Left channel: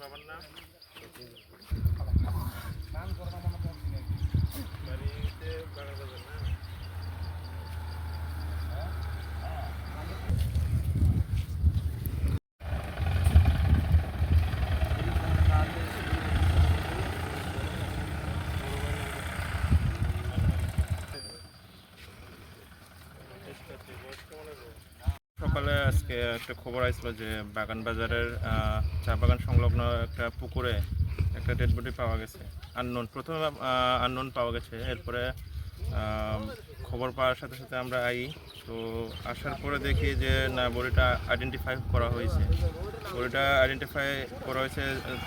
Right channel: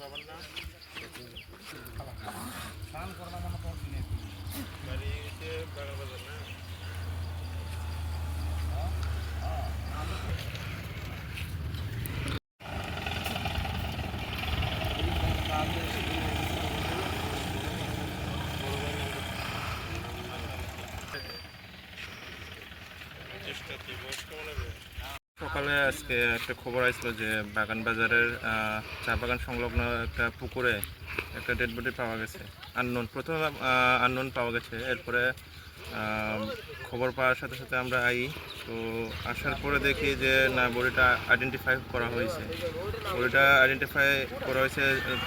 বাবার নাম সকালে আজকে একটা খবর আসছিল যে বাগান বাজারের চা বাগান সংলগ্ন একটা পুকুরে একটা ডেড বডি পাওয়া গেছে। প্রথমে আননোন পাওয়া গেছে। এরপরে খবর পাওয়ার সাথে সাথে আমরা তো আসার পরে দেখি যে না, বডিটা আইডেন্টিফাই করা হয়েছে।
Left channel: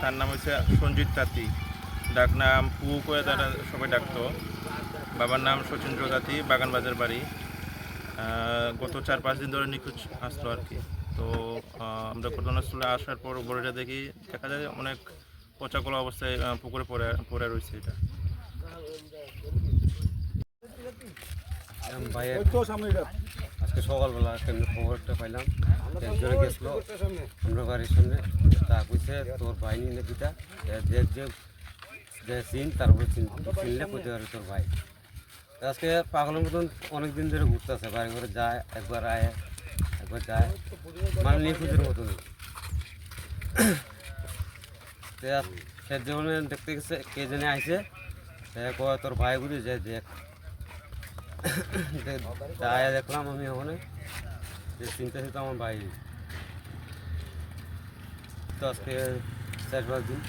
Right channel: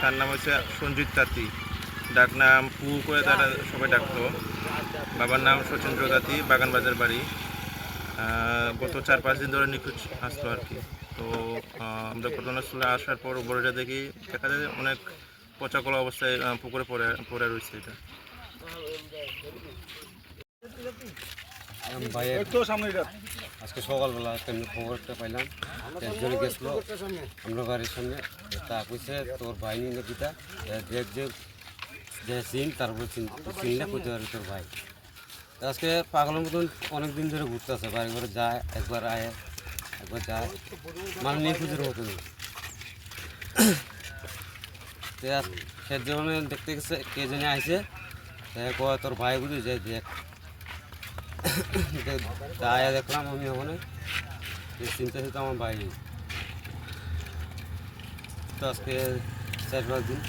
তার নাম হচ্ছে সঞ্জিত তাঁতি, ডাক নাম পু করে তারা সবাই ডাকতো। বাবার নাম সচিন্দ্র তাঁতি, বাগান বাজার বাড়ি। গত 4-5 দিন ধরে নিখোঁজ আসতো আর কি। তো আমরা ঘটনাস্থলে আসার পর বডিটা দেখি, দেখা যায় অনেক পচাকলা অবস্থায় পুকুরে পড়ে রয়েছে। এটা আজকে সকালবেলা কেমনি খবরটা পাইলাম, একজনে গেছিলো আমরা বাড়ির সঙ্গে, তা কইছে তোর ভাই নিয়ে পিতা দেখ যে চিন, তারপরে চিনলে কইতে পারে তোর ভাই। আজকে পাগলের মতন অনেক দিন ধরে ঘুরতে আছে, বাড়ি ঘরে যায়, একবার আয় একবার যায়, মানে নিখোঁজের মতন। সে যেমন দেখতে গেছে, কে জেনে আইসে কয় তোর ভাই বুঝে যে দেখ, আয়া দেখলাম আমি ওখানে চিন্তা তো আমার ভাই। তো আজকে 4-5 দিন